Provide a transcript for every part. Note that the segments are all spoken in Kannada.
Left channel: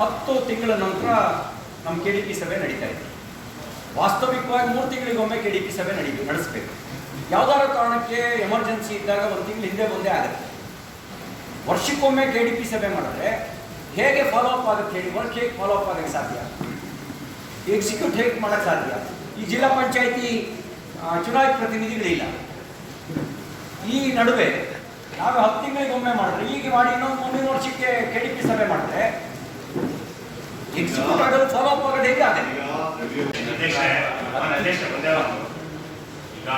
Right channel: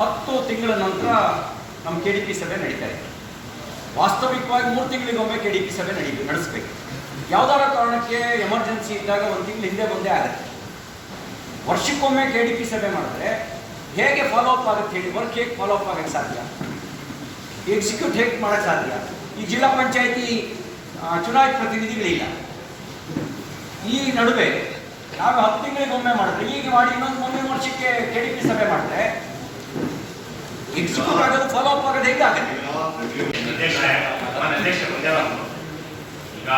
ಹತ್ತು ತಿಂಗಳ ನಂತರ ನಮ್ಮ ಕೆ ಡಿ ಸಭೆ ನಡೀತಾ ಇದೆ ವಾಸ್ತವಿಕವಾಗಿ ಮೂರು ತಿಂಗಳಿಗೊಮ್ಮೆ ಕೆ ಡಿ ಸಭೆ ನಡೀ ನಡೆಸ್ಬೇಕು. ಯಾವ್ದಾರ ಕಾರಣಕ್ಕೆ ಎಮರ್ಜೆನ್ಸಿ ಇದ್ದಾಗ ಒಂದು ತಿಂಗಳು ಹಿಂದೆ ಬಂದೇ ಆಗುತ್ತೆ. ವರ್ಷಕ್ಕೊಮ್ಮೆ ಕೆ ಡಿ ಪಿ ಸಭೆ ಮಾಡಿದ್ರೆ ಹೇಗೆ ಫಾಲೋ ಅಪ್ ಆಗುತ್ತೆ ಹೇಳಿ ವರ್ಕ್ ಹೇಗೆ ಫಾಲೋ ಅಪ್ ಆಗಕ್ಕೆ ಸಾಧ್ಯ? ಎಕ್ಸಿಕ್ಯೂಟ್ ಹೇಗೆ ಮಾಡೋಕ್ಕೆ ಸಾಧ್ಯ? ಈ ಜಿಲ್ಲಾ ಪಂಚಾಯಿತಿ ಚುನಾಯಿತ ಪ್ರತಿನಿಧಿಗಳಿಲ್ಲ. ಈ ನಡುವೆ ನಾವು ಹತ್ತು ತಿಂಗಳಿಗೊಮ್ಮೆ ಮಾಡಿದ್ರೆ ಈಗ ಮಾಡಿ ಇನ್ನೊಂದು ಮುಂದಿನ ವರ್ಷಕ್ಕೆ ಕೆ ಡಿ ಪಿ ಸಭೆ ಮಾಡಿದ್ರೆ ಎಕ್ಸಿಕ್ಯೂಟ್ ಆಗೋದು ಫಾಲೋ ಅಪ್ ಆಗೋದು ಹೇಗೆ ಆಗುತ್ತೆ ಅಧ್ಯಕ್ಷರೇ ಮಾನ್ಯ ಅಧ್ಯಕ್ಷ ಒಂದೇ ಒಂದು ಈಗ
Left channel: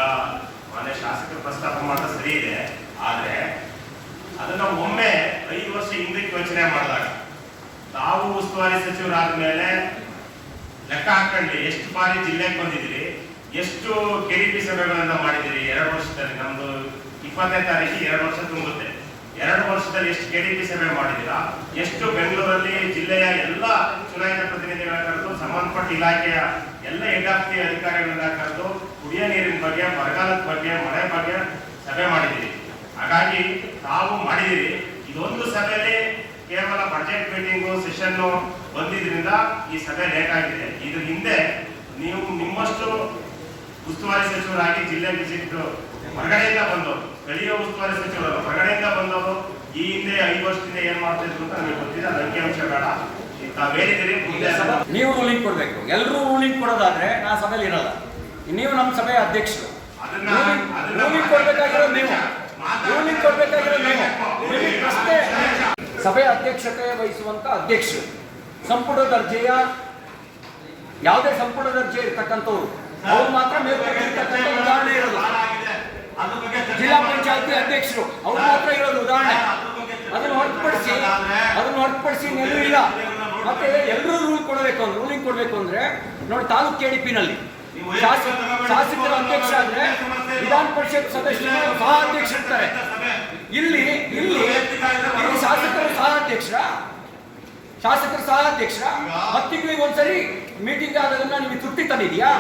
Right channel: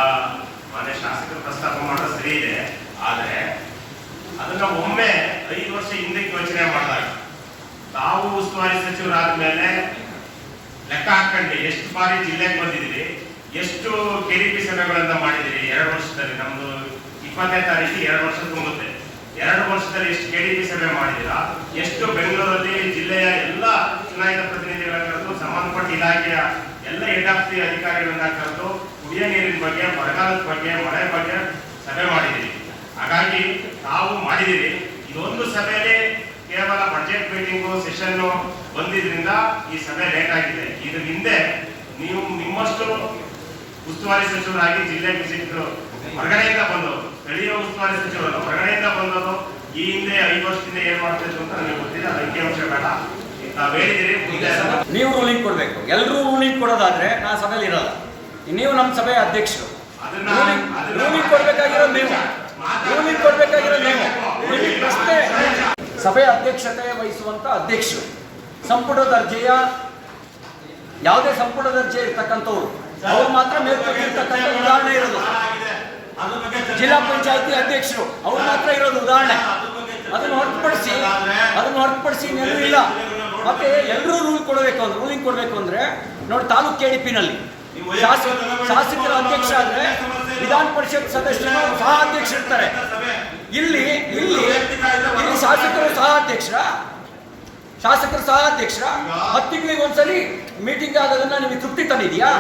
ಮಾನ್ಯ ಶಾಸಕರು ಪ್ರಸ್ತಾಪ ಮಾಡೋದು ಸರಿ ಇದೆ, ಆದ್ರೆ ಅದನ್ನ ಒಮ್ಮೆ ಐದು ವರ್ಷ ಹಿಂದೆ ಯೋಚನೆ ಮಾಡಿದಾಗ, ತಾವು ಉಸ್ತುವಾರಿ ಸಚಿವರಾದ ಮೇಲೆ ಲೆಕ್ಕ ಹಾಕೊಂಡ್ರಿ ಎಷ್ಟು ಬಾರಿ ಜಿಲ್ಲೆಗೆ ಬಂದಿದ್ರಿ ಎಷ್ಟು ಕೆಡಿಪಿ ಸಭೆಗಳನ್ನ ಮಾಡಿದಿರಿ ಎರಡು ವರ್ಷದಲ್ಲಿ ನಮ್ದು ಇಪ್ಪತ್ತನೇ ತಾರೀಕು ಎರಡು ವರ್ಷ ತುಂಬುತ್ತೆ ಎರಡು ವರ್ಷದಲ್ಲಿ ಎಷ್ಟು ಕೆಡಿಪಿ ಸಭೆ ಮಾಡಿದಿರಾ ಎಷ್ಟು ಬೆಂಗಳೂರಲ್ಲಿ ಜಿಲ್ಲೆಯ ಎಲ್ಲ ಚುನಾಯಿತ ಪ್ರತಿನಿಧಿಗಳ ಕರೆದು ಸಂಬಂಧಪಟ್ಟ ಇಲಾಖೆಯ ಎಲ್ಲ ದಿ ಅಧಿಕಾರಿಗಳನ್ನ ಕರೆದು ಕುಡಿಯ ನೀರಿನ ಬಗ್ಗೆ, ಬರಗಾಲದ ಬಗ್ಗೆ, ಮಳೆ ಬಗ್ಗೆ ಸಭೆ ಮಾಡಿದ್ದೀರಿ. ಹಾಗಾಗಿ ತಾವು ಮಾಡಿದಿರಿ ಇದೊಂದು ಸಭೆಯಲ್ಲಿ ಕೇವಲ ಬಜೆಟ್ ಮೀಟಿಂಗು ಸೆಷನ್ ಬಂದಿದ್ರಿಂದ ಈ ಸಭೆ ಲೇಟ್ ಆಗಿದೆ. ಇದ್ರ ಹಿಂದೆ ನೀವು ನಿಮ್ಮಷ್ಟು ಉಸ್ತುವಾರಿ ಸಚಿವರಾಗಿ ಜಿಲ್ಲೆ ವಿಸಿಟ್ ಹೊರಗಡೆಯಿಂದ ಬಂದವರು. ಸ್ಥಳೀಯ ಉಸ್ತುವಾರಿ ಸಚಿವರು ಹೊರಗಡೆಯಿಂದ ಬಂದವರು ಈ ಹಿಂದೆ ಐದು ವರ್ಷದಿಂದ ಏನ್ ಮಾಡ್ತಿದ್ರು ಅಂತ ನನಗೆ ಗೊತ್ತಿಲ್ಲ. ಅದು ಅಂಕಿಅಂಶ ಬೇಡ. ಮುಂದೆ ನೀವು ರೂಲಿಂಗ್ ಕೊಡಬೇಕು. ಎಲ್ಲರೂ ರೂಲಿಂಗ್ ಕೊಡೋದಾದ್ರೆ ನಾ ಸಭೆಯಲ್ಲಿ ಇರಲ್ಲ. ನೀವು ನಮ್ಮ ಸಭೆಯ ಅಧ್ಯಕ್ಷರು. ರೂಲಿಂಗ್ ಕೊಡ್ಬೇಕಾಗಿರೋ ರೂಲಿಂಗ್ ಕೊಡ್ಬೇಕಾಗಿರೋದು ನೀವು. ರೂಲಿಂಗ್ ಕೊಡ್ಬೇಕಾಗಿರೋದು ನೀವು. ನಿಮಗೆ ಪ್ರಶ್ನೆ ಸಭೆಯ ಅಧ್ಯಕ್ಷತೆ ವಹಿಸುವಂತ ಅಧ್ಯಕ್ಷರು. ಸಂಪುಟ ದರ್ಜೆಯ ಯಾವುದೇ ಸಂಪುಟ ದರ್ಜೆ ಇರ್ತಕ್ಕಂಥವ್ರು. ಅವ್ರು ಮಾತ್ರ ಮೇಲ್ಪಟ್ಟಿರ್ತಕ್ಕಂಥ ಉದಾಹರಣೆ ಇರೋದು. ಜಿಲ್ಲಾ ಪಂಚಾಯತಿ ಅಧ್ಯಕ್ಷರು ಅವ್ರು ಮಾತ್ರ ಇರೋದು ಉದಾಹರಣೆ. ಅದನ್ನು ಹೊರತುಪಡಿಸಿ ಅದನ್ನು ಹೊರತುಪಡಿಸಿ ಇನ್ನೆಲ್ಲೂ ಇಲ್ಲ. ಮತ್ತೆ ಎಲ್ಲರೂ ರೂಲ್ ಕೊಡಬೇಕು ಅಂದ್ರೆ ರೂಲಿಂಗ್ ಕೊಡಬೇಕು ಅಂದ್ರೆ ನೋಡಿ ತಾಲೂಕು ಕೆ ಡಿ ಪಿನಲ್ಲಿ ಶಾಸಕ ಶಾಸಕರ ಅಧ್ಯಕ್ಷ ಆದ್ರೆ ವಿಧಾನ ಪರಿಷತ್ ಸದಸ್ಯರು ಸಹ ಅಧ್ಯಕ್ಷರಿರ್ತಾರೆ ಇಲ್ಲಿ ಇಲ್ಲಿ ಇಲ್ಲಿ ಶಾಸಕರು ಸಹ ಅಧ್ಯಕ್ಷರ? ಶಾಸಕರ ಸಹ ಅಧ್ಯಕ್ಷರ? ಹತ್ತು ತಿಂಗಳಿಗೆ ಒಂದ್ಸರಿ ಮೀಟಿಂಗ್ ಆಗೋದನ್ನ ನಿಮಗೆ ತೃಪ್ತಿ ತಂದಿದೆಯಾ?